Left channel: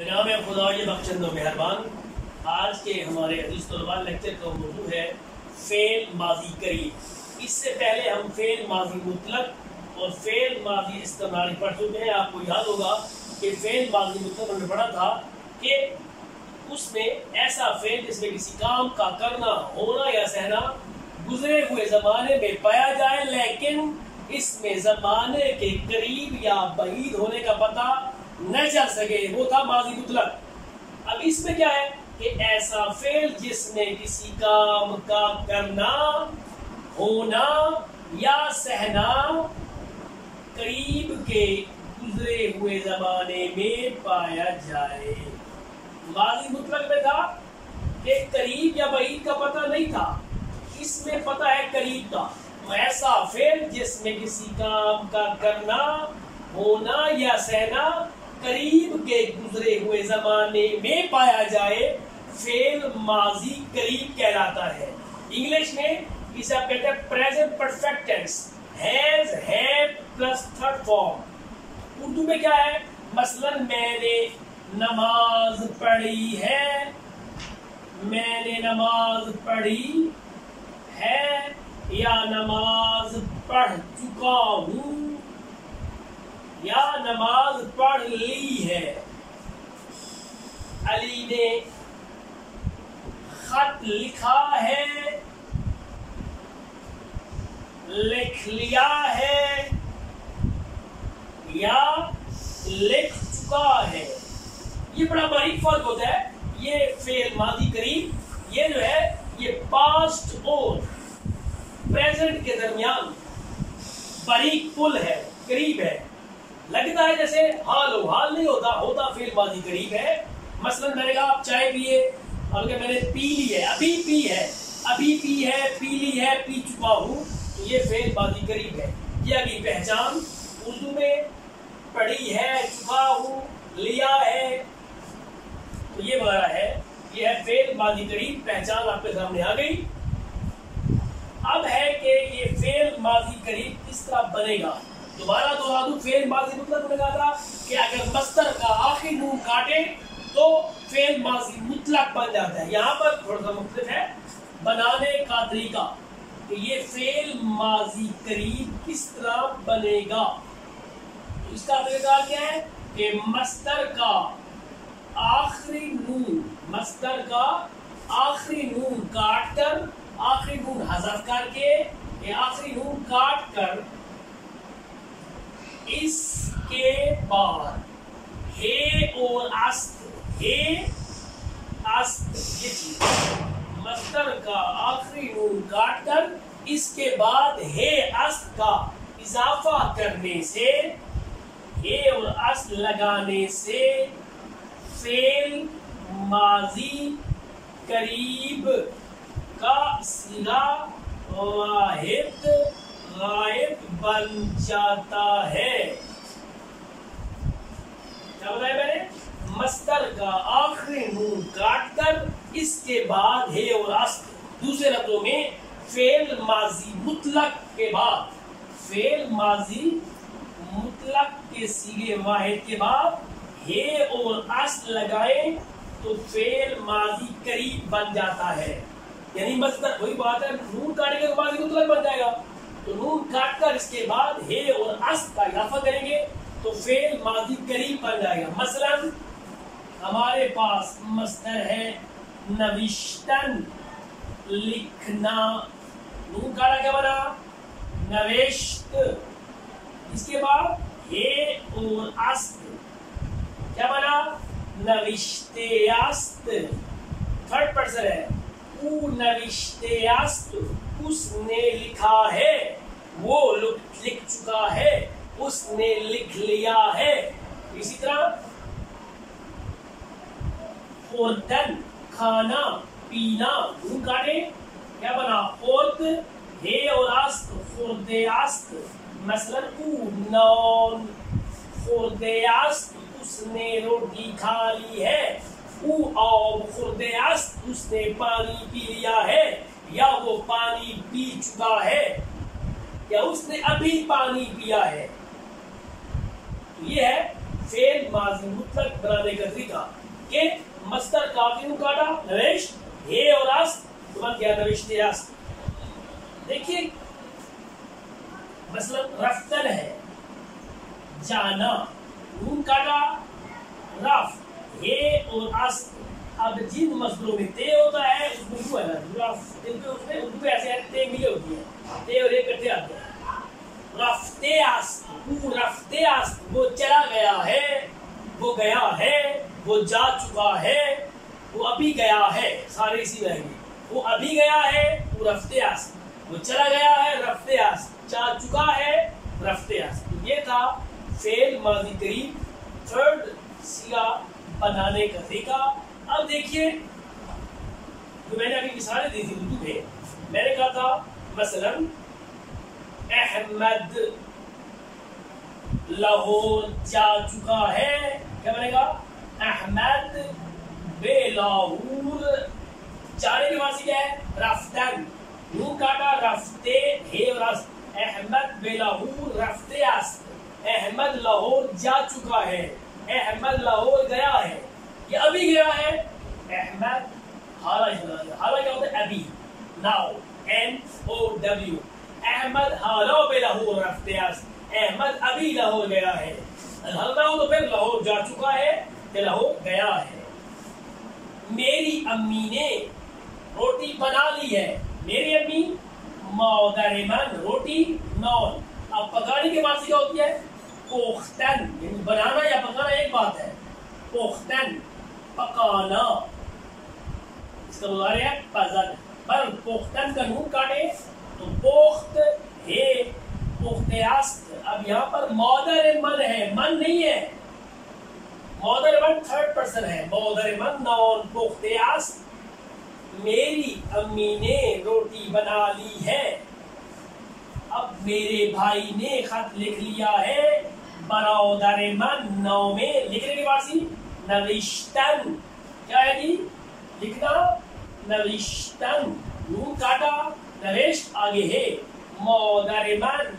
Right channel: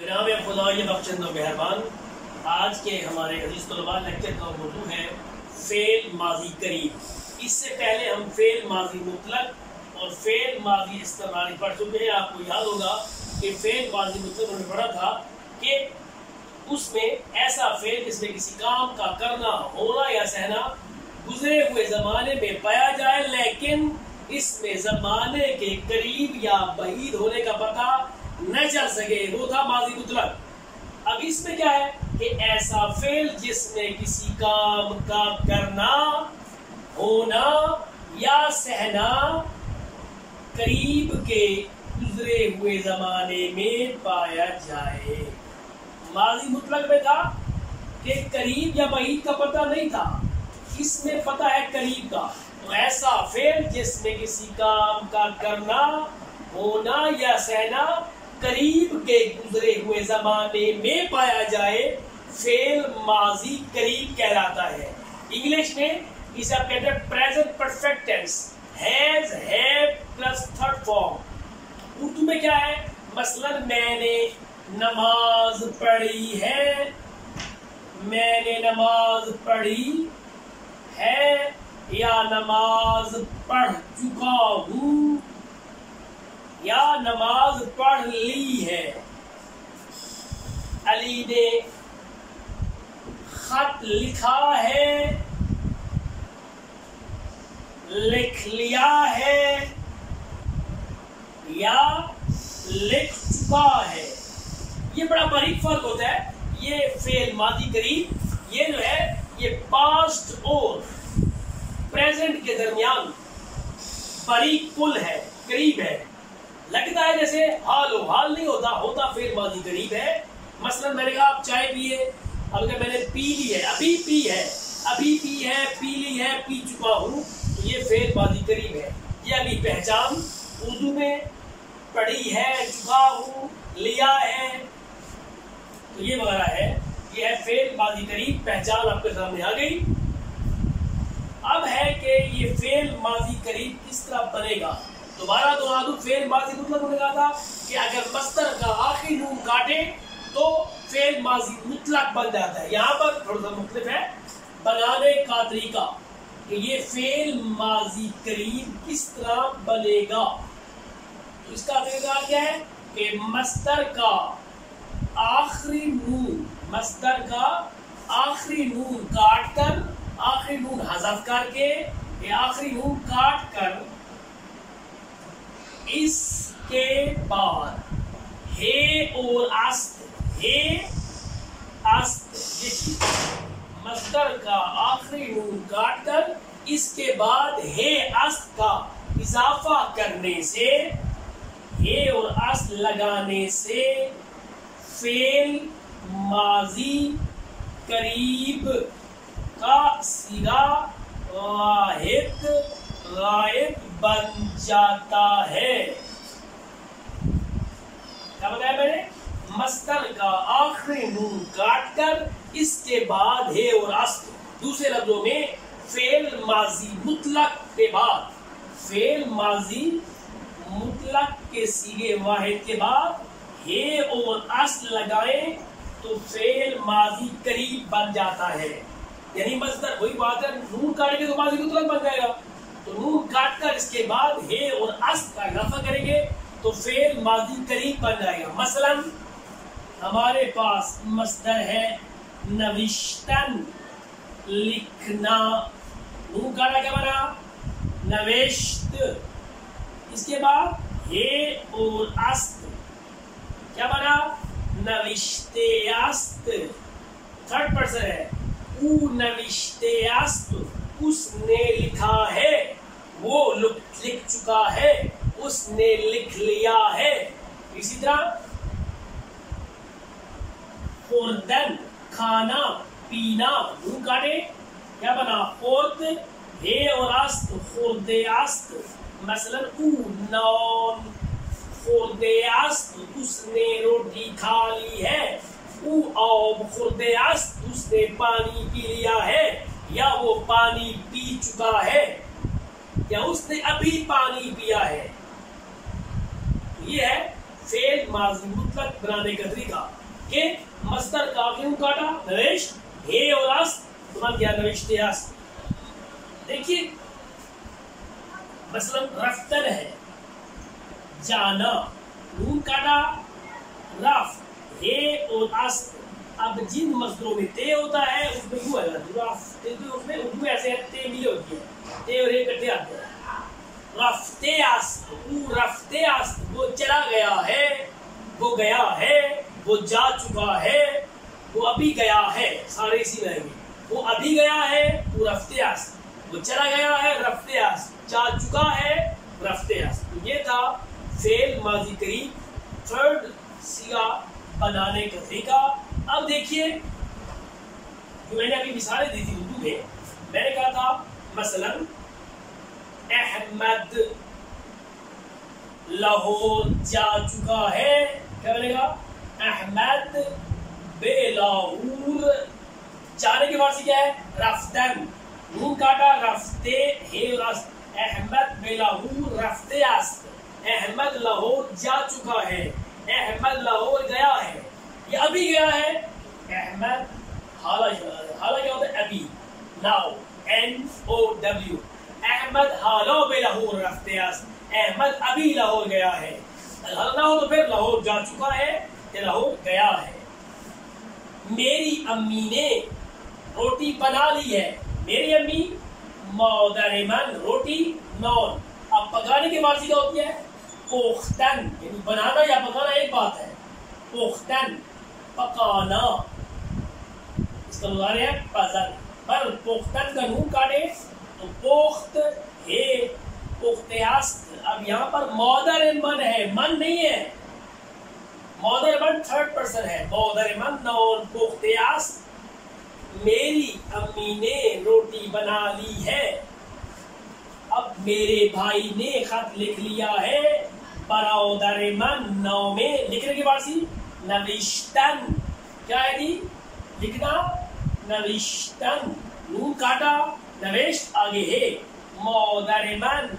जनाब खुदा ये बख्शंद व मेहरबान। आज के हमारे अजीज तलबा लेक्चर का मौजू है फेल माजी करीब। इससे पहले हम फेल माजी मुतलक और फेल माजी इस्तेमाली पढ़ चुके हैं। आपको याद होगा कि फेल माजी मुतलक हमने पढ़ा था कि उसमें ऐसा फेल जिसमें किसी काम का करना, होना या सहना गुजरे हुए ज़माने में पाया जाए, लेकिन इसमें ज़माने के करीब या बईद होने का पता न चल सके, वो था माजी मुतलक। अब इसमें क्या है कि ऐसा फेल जिसमें किसी काम का करना, होना या सहना करीब के गुजरे हुए ज़माने में पाया जाए। माजी मुतलक में था कि करीब या बईद का पता नहीं था, इसमें पता है करीब का। तो ऐसा फेल जिसमें किसी काम का करना, होना या सहना करीब के गुजरे हुए जमाने में पाया जाए, फेल माजी करीब कहलाता है। इंग्लिश में इसे आप कहते हैं present perfect tense, has, have plus third form. Urdu में क्या है, मसलन मैंने नमाज पढ़ी है, मैंने नमाज पढ़ी है या नमाज पढ़ चुका हूँ या नमाज पढ़ ली है। अली ने खत लिखा है, लिख लिया है या लिख चुका है। ये बड़ा बारीक फर्क होता है। ये फेल मादी करीब, ये जो है ये पास्ट और प्रेजेंट के दरमियान बारीक पुल है, करीब है। लगता है जैसे हाल हो, हाल नहीं होता, होता फेल मादी करीब है। मसलन मैंने कहा आप चाय पिए, अब क्या मैंने पी ली है, अभी पी है, अभी पी है, पी ली है, पी चुका हूँ, तो ये फेल मादी करीब है। ये अभी पहचान उर्दू में पढ़ी है, चुका हूँ, लिया है, तो ये वगैरह है। ये है फेल मादी करीब, पहचान आपके सामने आ गई। अब है कि ये फेल माजी करीब किस तरह बनेगा। दोबारा दोहरा दूं, फेल माजी मुतलक मैंने कहा था कि अगर मस्तर का आखिरी नून काटे तो फेल माजी मुतलक बन जाता है। यहाँ पर थोड़ा सा मुख्तलिफ है बनाने का तरीका कि ये फेल माजी करीब किस तरह बनेगा। तो इसका तरीका क्या है कि मस्तर का आखिरी नून, मस्तर का आखिरी नून काट कर, आखिरी नून हज़फ करके या आखिरी नून काट कर, इसके बाद हे और अस्त, हे अस्त, मस्तर का आखिरी नून काट कर इसके बाद हे अस्त का इजाफा करने से, हे और अस्त लगाने से फेल माजी करीब का सीगा वाहिद गायब बन जाता है। क्या बताया मैंने, मस्तर का आखिरी नून काट कर इसके बाद हे और अस्त, दूसरे लफ्जों में फेल माजी मुतलक के बाद, फेल माजी मुतलक के सीगे वाहिद के बाद हे और अस्त लगाएं तो फेल माजी करीब बन जाता है। यानी मस्तर, वही बात है, नून काटेंगे तो माजी मुतलक बन जाएगा। तो नून काट कर इसके बाद हे और अस्त का इजाफा करेंगे तो फेल माजी करीब बन जाएगा। मसलन हमारे पास मस्तर है नविश्तन, लिखना, नून काटा क्या बना, नवेश्त, इसके बाद हे और अस्त क्या बना, नविश्तेयास्त। थर्ड पर्सन है, ऊ नविश्तेयास्त, उसने लिखा है, वो लिख चुका है, उसने लिख लिया है। इसी तरह खुर्दन, खाना, पीना, नून काटे क्या बना, खुर्द, हे और अस्त, खुर्देयास्त। मसलन ऊ नौन खुर्देयास्त, उसने रोटी खा ली है, ऊ आब खुर्देयास्त, उसने पानी पी लिया है या वो पानी पी चुका है या उसने अभी पानी पिया है। ये है فعل ماضی مطلق بنانے کا طریقہ کہ مصدر کا کیوں کاٹا نوشت ہے اور است بن گیا نوشتے است. دیکھیے مثلا رفتن ہے جانا نون کاٹا رف ہے اور است. اب جن مصدروں میں تے ہوتا ہے اس میں کیوں ہے اس میں اردو میں ایسے تے ملے ہوتی ہے تے اور اکٹھے آتے ہیں. رفتے است وہ رفتے است وہ چلا گیا ہے وہ گیا ہے وہ جا چکا ہے وہ ابھی گیا ہے سارے اسی رہیں گے. وہ ابھی گیا ہے وہ رفتے است وہ چلا گیا ہے رفتے است جا چکا ہے رفتے است. یہ تھا فعل ماضی قریب تھرڈ صیغہ بنانے کا طریقہ. اب دیکھیے جو میں نے ابھی مثالیں دی تھی اردو میں میں نے کہا تھا مثلا احمد لاہور جا چکا ہے. کیا بنے گا احمد بے لاہور جانے کے بعد سے کیا ہے رفتن نون کاٹا رفتے ہے رست. احمد بے لاہور رفتے است. احمد لاہور جا چکا ہے احمد لاہور گیا ہے یہ ابھی گیا ہے. احمد حالہ کیا ہوتا ہے ابھی ناؤ NOW. احمد حالہ بے لاہور رفتے است احمد ابھی لاہور گیا ہے. حال نہ ہو تو پھر لاہور جا چکا ہے یا لاہور گیا ہے. میری امی نے روٹی بنا لی ہے. میری امی مادر من روٹی نون. اب پکانے کے بعد کیا ہوتی ہے پختن یعنی بنانا یا پکانا ایک بات ہے. پختن پکانا اس کا مضارع ہے پزن پر پختن کا نون کاٹے تو پخت ہے پخت است. اب یہاں پر مادر من ہے من نہیں ہے مادر من تھرڈ پرسن ہے مادر من نون پخت است. میری امی نے روٹی بنا لی ہے. اب میرے بھائی نے خط لکھ لیا ہے برادر من نو میں لکھنے کے بعد سی نوشتن. کیا ہے جی لکھنا نوشتن نون کاٹا نوشت آگے ہے مادر من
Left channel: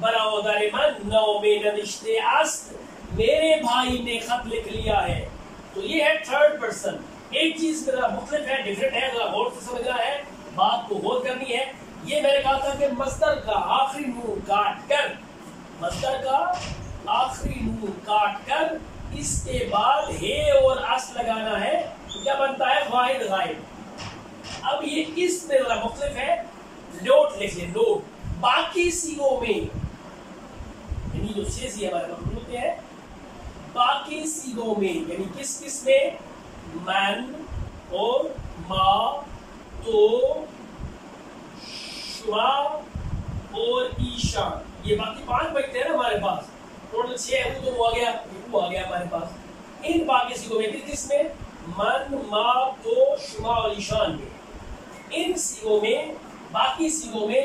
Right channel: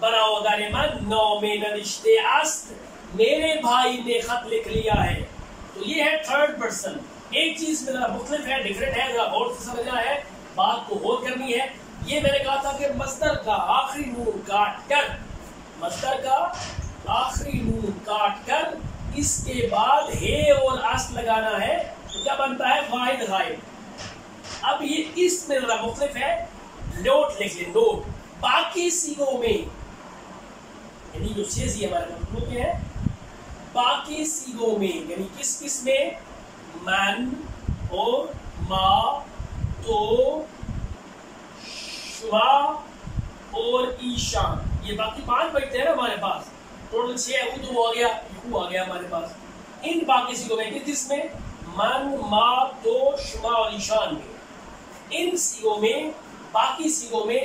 برادر من نو میں نوشتے است. میرے بھائی نے خط لکھ لیا ہے. تو یہ ہے تھرڈ پرسن. ایک چیز ذرا مختلف ہے ڈفرینٹ ہے ذرا غور سے سمجھنا ہے بات کو غور کرنی ہے. یہ میں نے کہا تھا کہ مصدر کا آخری نون کاٹ کر مصدر کا آخری نون کاٹ کر اس کے بعد ہے اور است لگانا ہے تو کیا بنتا ہے واحد غائب. اب یہ اس میں ذرا مختلف ہے. نوٹ لکھ لیں نوٹ. باقی صیغوں میں یعنی جو چھ صیغے ہمارے پاس ہوتے ہیں باقی صیغوں میں یعنی کس کس میں من اور ما تو شما اور ایشان یہ باقی 5 بچتے ہیں نا ہمارے پاس ٹوٹل 6 ہے. وہ تو وہ آ گیا وہ آ گیا ہمارے پاس. ان باقی صیغوں میں کس میں من ما تو شما اور ایشان میں ان صیغوں میں باقی صیغوں میں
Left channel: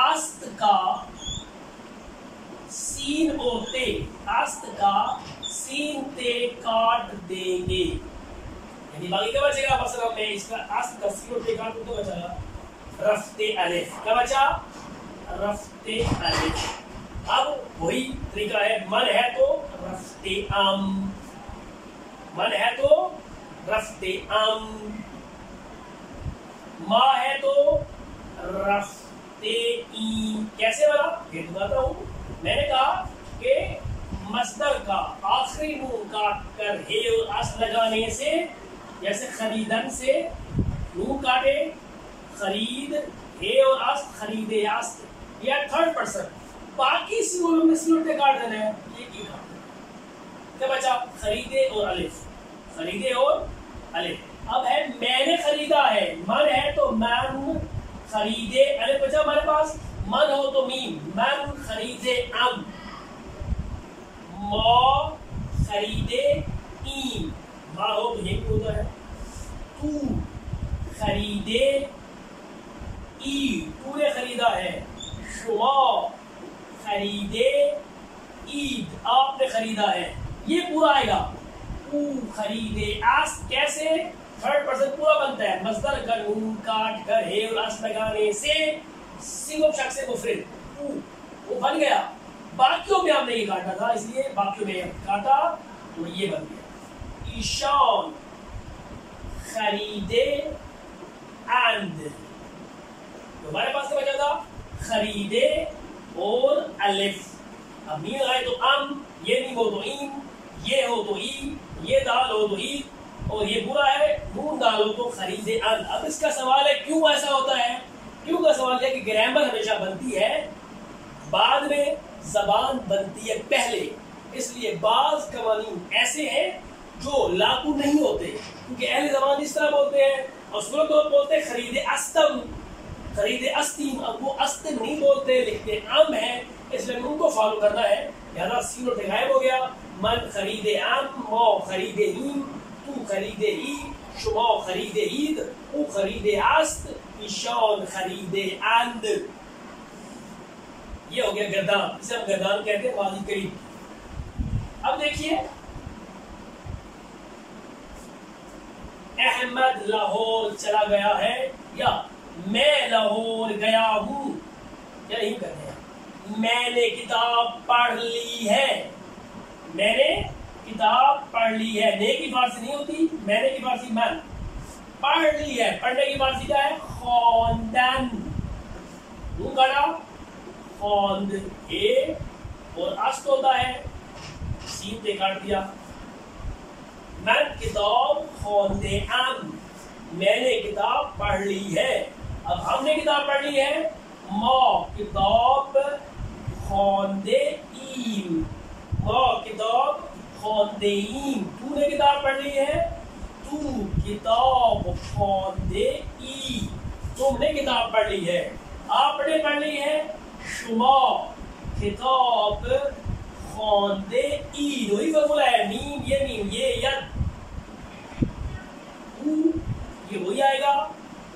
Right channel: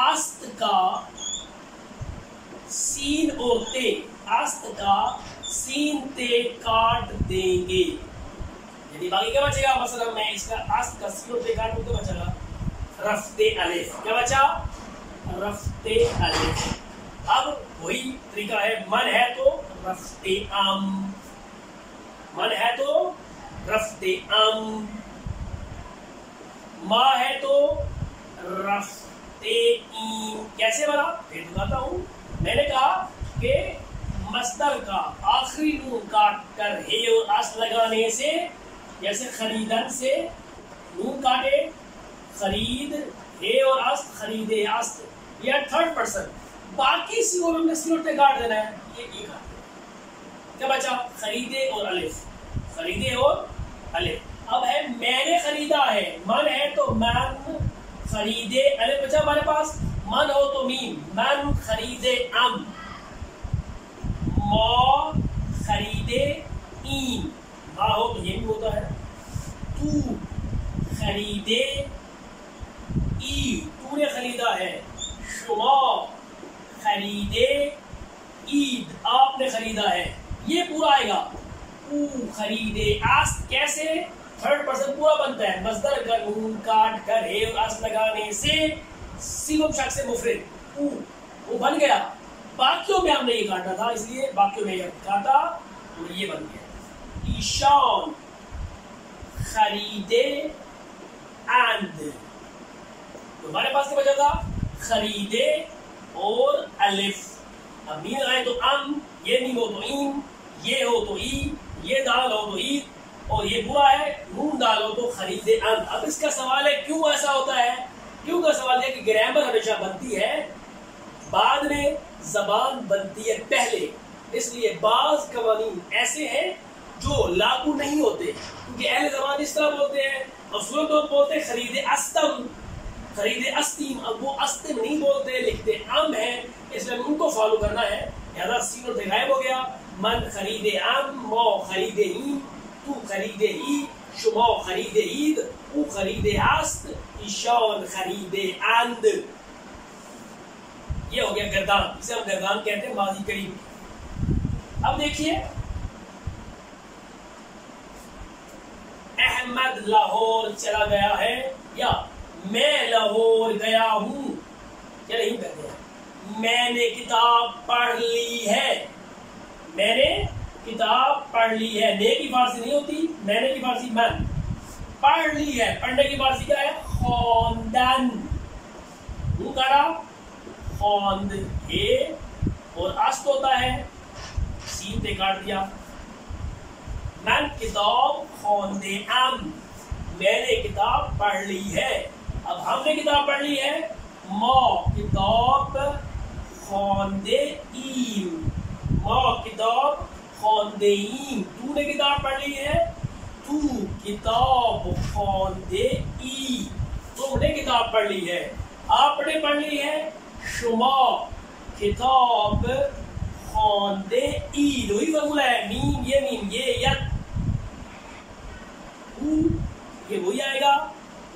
آست کا سین اور تے آست کا سین تے کاٹ دیں گے. یعنی باقی کیا بچے گا مثلا میں اس کا آست کا سین اور تے کاٹ دوں بچا گا رفتے الف. کیا بچا رفتے الف. اب وہی طریقہ ہے من ہے تو رفتے من ہے تو رفتے ما ہے تو رفتے کیسے بنا پھر بتاتا ہوں. میں نے کہا کہ مصدر کا آخری نون کاٹ کر ہے اور اس لگانے سے جیسے خریدن سے نون کاٹے خرید ہے اور اس خریدے اس یا تھرڈ پرسن. باقی صیغوں میں سلوٹے کاٹ دینا ہے. یہ کیا بچا خریدے اور الف خریدے اور الف. اب ہے میں نے خریدا ہے من ہے تو من خریدے الف بچا ہمارے پاس. من ہو تو میم من خریدے ام ما خریدے این ما ہو تو یہ بھی ہوتا ہے تو خریدے ای تو نے خریدا ہے. شما خریدے عید آپ نے خریدا ہے. یہ پورا آئے گا او خریدے اس کیسے تھرڈ پرسن پورا بنتا ہے مصدر کا نون کاٹ کر ہے اور اس لگانے سے صیغہ شخص مفرد او وہ بن گیا बाकियों में हमने ये काटा था, इसलिए बाकियों में ये काटा तो ये बन गया ईशान खरीदे एंड। तो हमारे पास क्या बचा था, खरीदे और अलिफ। अब मीम लगाए तो अम, ये मीम हो तो ईम, ये हो तो ई, ये दाल हो तो ई, और ये बुरा है नून दाल हो तो खरीदे अन। अब इसका सवाल है क्यों ऐसा होता है। क्यों का सवाल है कि ग्रामर हमेशा बनती है बाद में, जबान बनती है पहले, इसलिए बाज कवानीन ऐसे हैं जो लागू नहीं होते, क्योंकि अहले जबान इस तरह बोलते हैं और सूरत लोग बोलते हैं खरीदे अस्तम, खरीदे अस्तीम। अब वो अस्तिम नहीं बोलते, लिखते आम है, इसलिए उनको फॉलो करना है। लिहाजा सीन और गायब हो गया। मन खरीदे आम, मौ खरीदे ईम, तू खरीदे ई, शुमा खरीदे ईद, ऊ खरीदे आस्त, ईशान खरीदे आंद। ये हो गया गर्दान, इसे हम गर्दान कहते हैं माजी करीब। अब देखिए अहमद लाहौर चला गया है, या मैं लाहौर गया हूं, या नहीं कर गया। मैंने किताब पढ़ ली है, मैंने किताब पढ़ ली है। ने की फारसी नहीं होती, मैंने की फारसी मन। पढ़ ली है, पढ़ने की फारसी क्या है, खौंदन। गड़ा खौंद ए और अस्त होता है, सीन पे काट दिया। मैं किताब खौंदे अम, मैंने किताब पढ़ ली है। अब हमने किताब पढ़ ली है, मौ किताब खौंदे ईम, मौ किताब खौंदे ईम। तूने किताब पढ़ ली है, तू किताब खौंदे ई, तुमने किताब पढ़ ली है। आपने पढ़ ली है, शुमा किताब खौंदे ई। वही फॉर्मूला है, मीम ये यद, ये वही आएगा,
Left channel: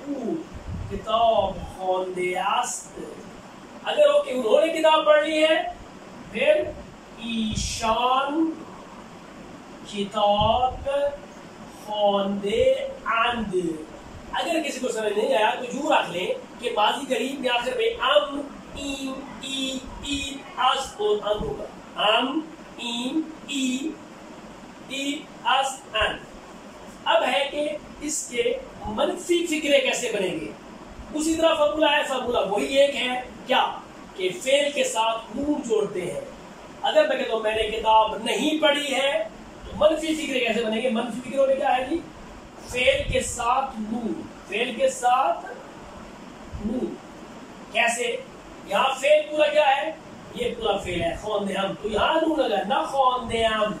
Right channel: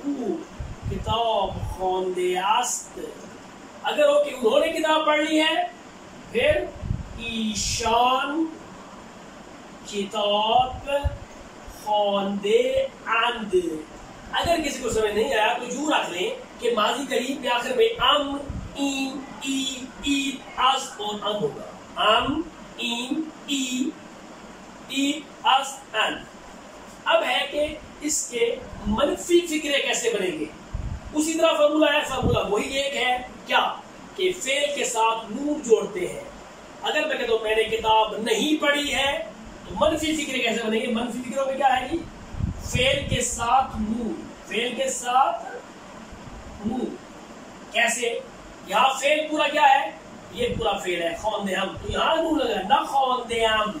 ऊ किताब खौंदे आस्त। अगर हो कि उन्होंने किताब पढ़ ली है, फिर ईशान किताब खौंदे आंद। अगर किसी को समझ नहीं आया तो यूं रख लें कि माजी करीब में आखिर में अम, ईम, ई, ईद, अस और अन होगा। अम, ईम, ई, ईद, अस, अन। अब है कि इसके मनफी फिक्रे कैसे बनेंगे। उसी तरह फॉर्मूला है, फॉर्मूला वही एक है, क्या कि फेल के साथ नून जोड़ते हैं। अगर मैं कहता हूं मैंने किताब नहीं पढ़ी है, तो मनफी फिक्रे कैसे बनेंगे। मनफी फिक्रों में क्या है जी, फेल के साथ नून, फेल के साथ नून। कैसे, यहाँ फेल पूरा क्या है, ये पूरा फेल है खौंदे हम, तो यहाँ नून लगा, न खौंदे हम,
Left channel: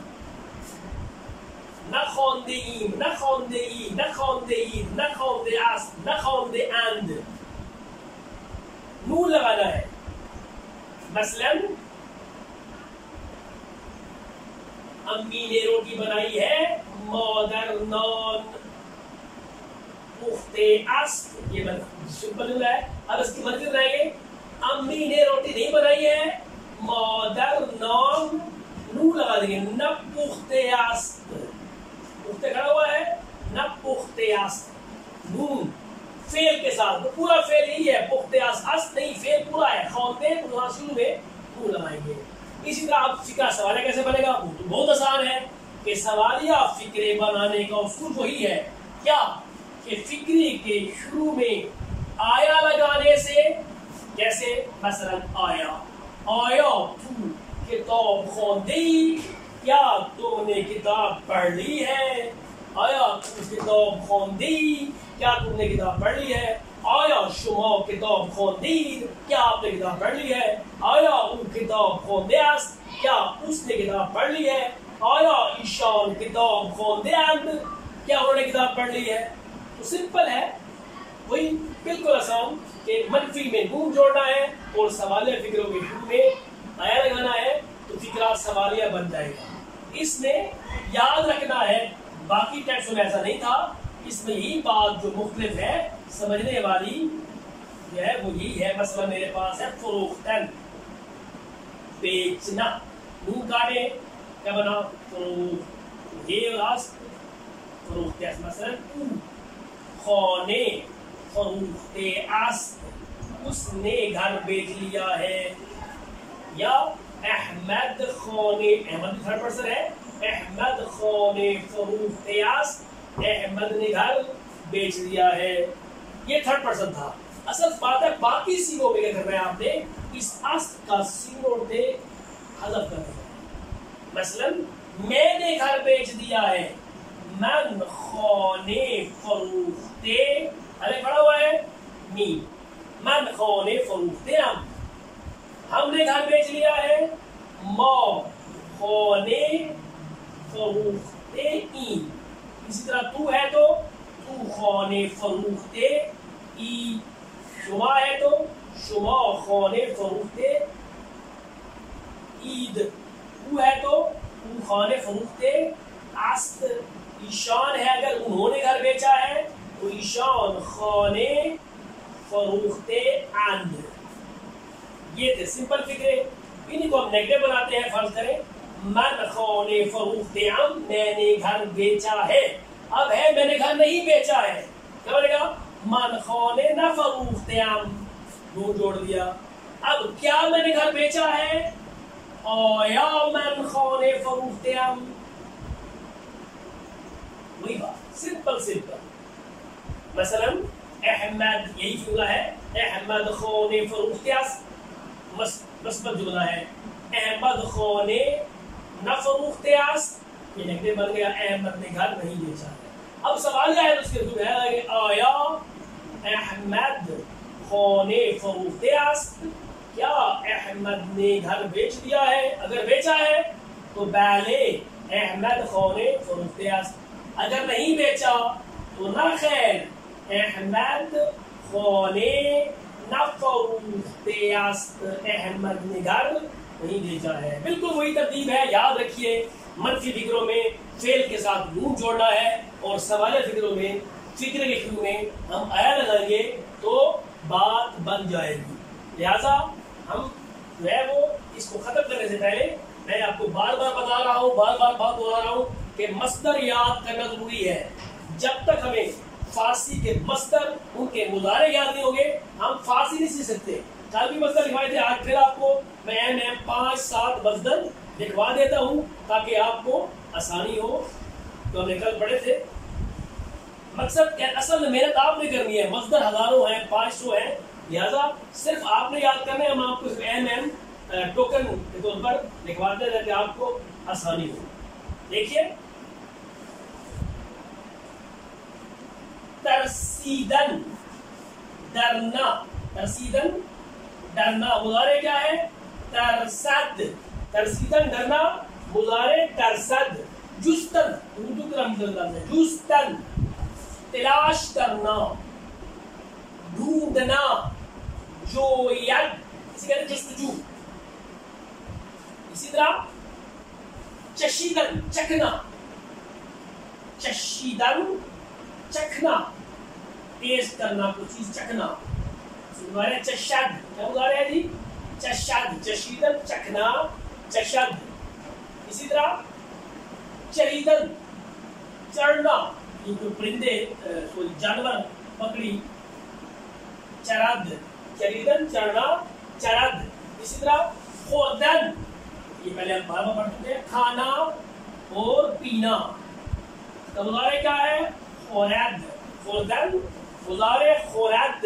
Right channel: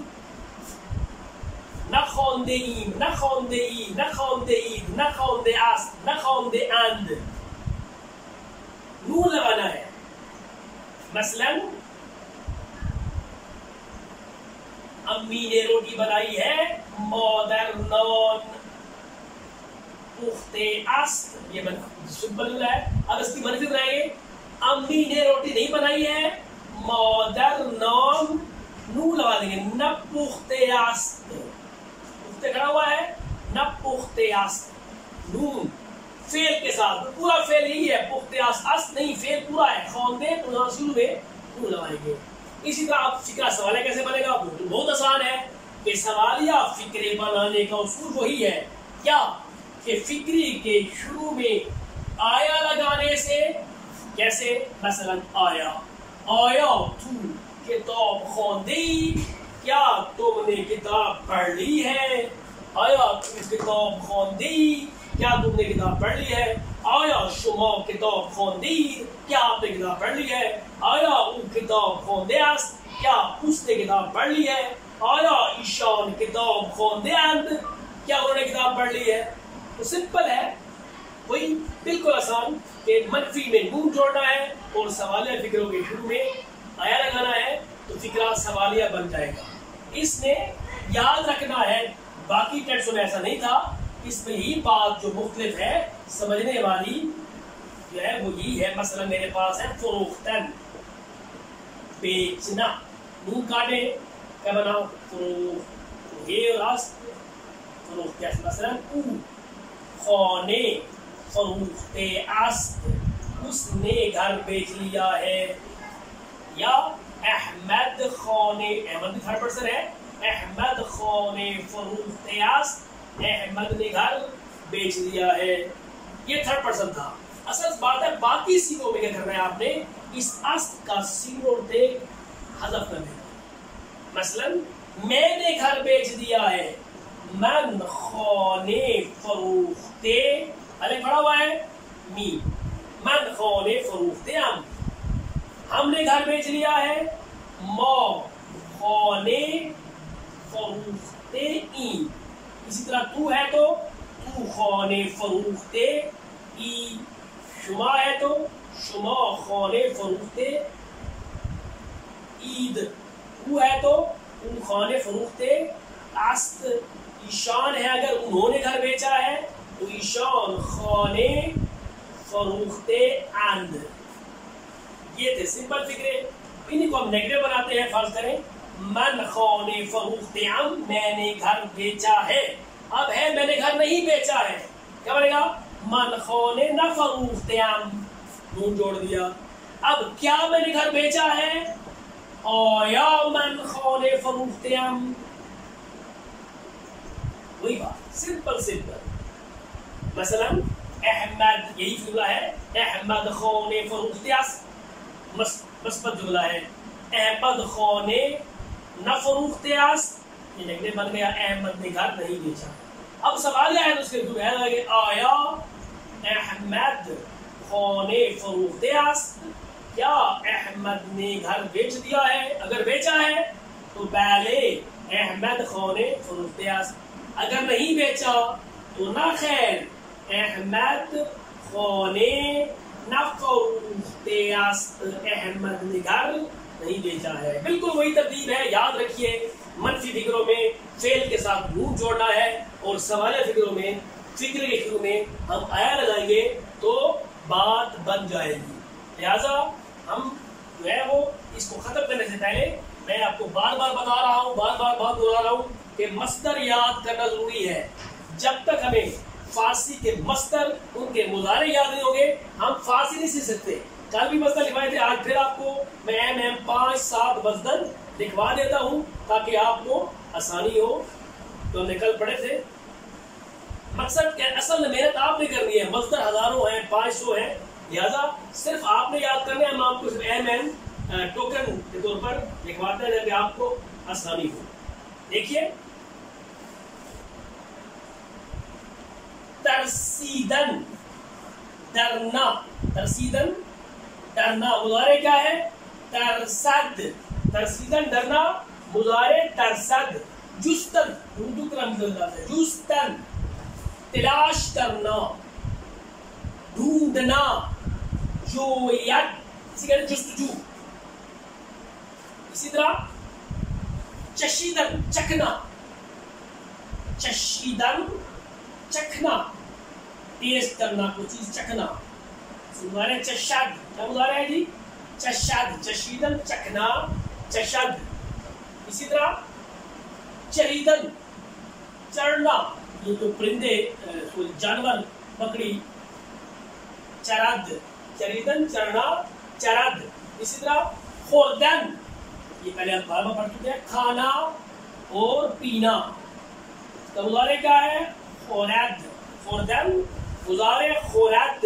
न खौंदे ईम, न खौंदे ई, न खौंदे ईद, न खौंदे आस, न खौंदे आंद। नून लगाना है। मसलन अम्मी ने रोटी बनाई है, मौदर नॉन पुख्ते अस्त, ये सिंपल है। अब इसकी मनफी बनाएंगे, अम्मी ने रोटी नहीं बनाई है, मौदर नॉन, नून लगा देंगे, न पुख्ते अस्त, पुख्ते खड़ा हुआ है, न पुख्ते अस्त, नून फेल के साथ। तो पूरा फेल यही है, पुख्ते अस्त नहीं, फेल पूरा है, खौंदे तो यहाँ शुरू में नून लगाएंगे। इसी तरह आप फिक्रा सवालिया कैसे बनेगा, वो तो बहुत आसान है कि सवालिया फिक्रे बनाने का उसूल वही है, क्या कि फिक्री के शुरू में आया लगाने से। कैसे, मसलन आया, आया तू किताब खौंदी, क्या तुमने किताब पढ़ ली है। आया तू किताब खौंदी, क्या तुमने किताब पढ़ ली है। आया शुमा किताब खौंदी, क्या आपने किताब पढ़ ली है। आया ऊ किताब खौंदे आस्त, क्या उसने किताब पढ़ ली है। आया ईशान किताब खौंदे आंद, क्या उन्होंने किताब पढ़ ली है। तो सिंपल है, वही बिल्कुल आसान कि मनफी में नून जोड़ना है और सवालिया फिक्रों के शुरू में आया लगाना है, तो फिक्रा सवालिया बन जाएगा। इसमें याद रखना है, बाकी टेक्स्ट में ऐसा नहीं था। इसमें यही बात जो मुख्तलिफ है समझने वाली जो है वो यही है। मसला मेरे पास है फरोख्तन, बेचना, नून काटे क्या बना, फरोख्त, ये और आस्त, फरोख्त कैसे, मसलन खौने, फरोख्ते आस्त, उसने घर बेच लिया है, या احمد خان، احمد بھی تھرڈ پرسن ہے، احمد خان فروخت است، احمد نے گھر بیچ دیا ہے، یہ تھرڈ پرسن تھا۔ اصل بات ہے باقی سیگوں میں کیا کرنا ہے، آپ نے اس است کا سیگوں سے حذف کرنا ہے۔ مثلا میں نے گھر بیچ دیا ہے، من خان فروخت، الف پڑا ہوا ہے می، من خان فروخت ہم نے گھر بیچ لیا ہے، ما خان فروخت ای، اسی طرح تو ہے تو تو خان فروخت ای، شما ہے تو شما خان فروخت عید، او ہے تو او خان فروخت است، ایشان ہے اگر انہوں نے گھر بیچا ہے تو ایشان خان فروخت اند۔ یہ تھے سمپل فکرے، انہیں کو ہم نیگیٹو بناتے ہیں۔ فرض کریں من خان فروخت ام، میں نے گھر بیچا ہے، اب ہے میں نے گھر نہیں بیچا ہے، کیا بنے گا من خان نہ فروخت ام، نون جوڑ دیا۔ اب کیا میں نے گھر بیچا ہے، آیا من خان فروخت ام، وہی بات سمپل سمپل۔ مثلا احمد، یہی جملہ ہے، احمد خان فروخت است، مثبت جملہ ہے، احمد خان نہ فروخت است، یہ نیگیٹو بن گیا، احمد نے گھر نہیں بیچا۔ اب سوال یہ ہے تو اس کے جو ہے کہ آیا احمد خان فروخت است، کیا احمد نے گھر بیچ دیا ہے، اگر بیچا ہے تو بلے احمد خان فروخت است، اگر نہیں بیچا تو نہ خیر احمد خان نہ فروخت است، احمد نے گھر نہیں بیچا ہے۔ بالکل وہی ترتیب ہے، یاد رکھیے، منفی فکروں میں فعل کے ساتھ نون جوڑنا ہے، اور سوالیہ فکروں میں فکر کے شروع میں ہم آیا لگائیں گے تو بات بن جائے گی۔ لہذا ہم جو ہے وہ اس کو ختم کرنے سے پہلے میں آپ کو بار بار بتا رہا ہوں، بار بار بات بتا رہا ہوں کہ مصدر یاد کرنا ضروری ہے۔ جب تک ہمیں فارسی کے مصدر، ان کے مضارع یاد نہیں ہوں گے، ہم فارسی نہیں سیکھ سکتے۔ کل بھی مصدر لکھوائے تھے، آج پھر آپ کو میں 5-7 مصدر لکھوا دیتا ہوں تاکہ آپ کو آسانی ہو۔ تو ہم نے کل پڑھے تھے، مقصد اصل میں محنت آپ نے کرنی ہے، مصدر ہزاروں ہیں، 500 ہیں، لہذا صرف آپ نے یاد کرنا ہے، ہم آپ کو صرف ٹوکن کے طور پر لکھواتے ہیں تاکہ آپ کو آسانی ہو۔ دیکھیے ترسیدن، ڈرنا، ترسیدن ڈرنا، مضارع کیا ہے ترسد، ترسیدن ڈرنا، مضارع ترسد۔ جستن، اردو کا مطلب ہے جستن، تلاش کرنا، ڈھونڈنا، جوید، اسی کہتے ہیں جستجو۔ اسی طرح چشیدن، چکھنا، چشیدن چکھنا، ٹیسٹ کرنا کوئی چیز، چکھنا۔ مضارع چشد، کیا مضارع ہے جی چشد، چشیدن چکھنا، چشد۔ اسی طرح چریدن، چڑھنا، یہ تو پرندے کوئی جانور پکڑی، چرد، چریدن چڑھنا، چرد۔ اسی طرح خوردن، یہ پہلے ہم بار بار پڑھ چکے ہیں، کھانا اور پینا، تو مضارع کیا ہے خورد، خوردن مضارع خورد۔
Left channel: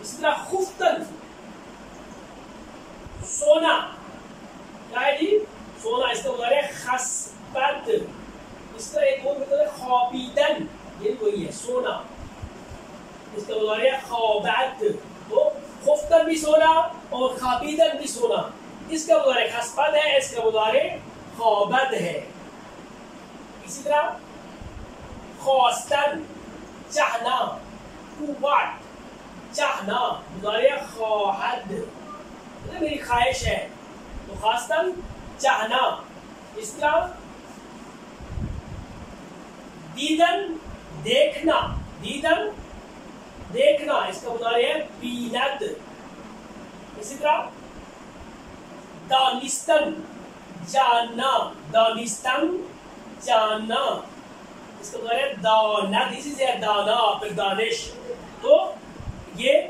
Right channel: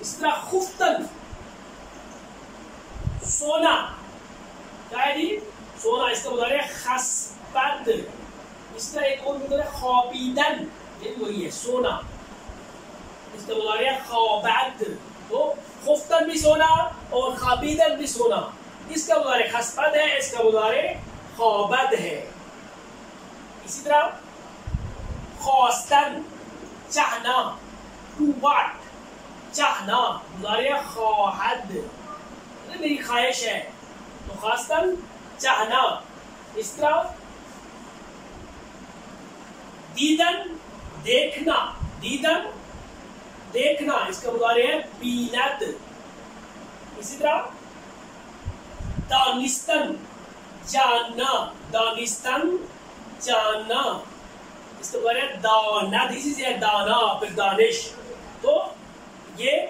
اس طرح خفتن، سونا، کیا ہے جی سونا، اس کا مضارع خسبت۔ اس طرح ایک اور مضارع خوابیدن، یہ بھی وہی ہے سونا، اس کا مضارع خوابت۔ تو خفتن بھی سونا اور خوابیدن بھی سونا، اس کا مضارع خسبت ہے، اس کا مضارع خوابت ہے۔ اسی طرح خواستن، چاہنا، ٹو واٹ، چاہنا، مضارع خواہد، میری خواہش ہے، تو خواستن چاہنا۔ اس طرح دیدن، دیکھنا، دیدن دیکھنا، اس کا مضارع ہے بیند۔ اسی طرح دانستن، جاننا، دانستن جاننا، اس کا مضارع ہے داند، اسی سے ہے دانا پھر دانش۔ تو یہ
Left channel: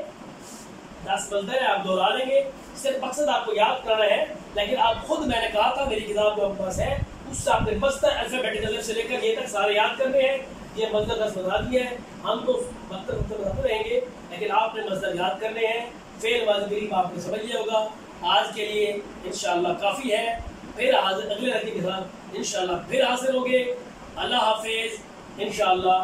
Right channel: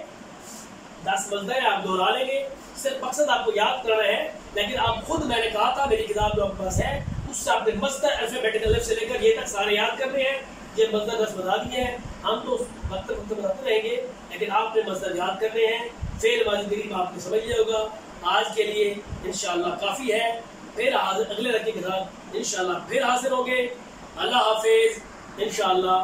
10 مصدر ہے، آپ دہرا لیں گے، صرف مقصد آپ کو یاد کرنا ہے لیکن آپ خود میں نے کہا تھا میری کتاب جو آپ کے پاس ہے اس سے آپ نے مصدر الفابیٹک الف سے لے کر یہ تک سارے یاد کرنے ہیں. یہ مصدر 10 بتا دیا ہے, ہم تو مطلب بتاتے رہیں گے لیکن آپ نے مصدر یاد کرنے ہیں. فعل ماضی قریب آپ نے سمجھ لیا ہوگا. آج کے لیے انشاءاللہ کافی ہے. پھر اگلے لڑکے کے ساتھ انشاءاللہ پھر حاضر ہوں گے. اللہ حافظ انشاءاللہ.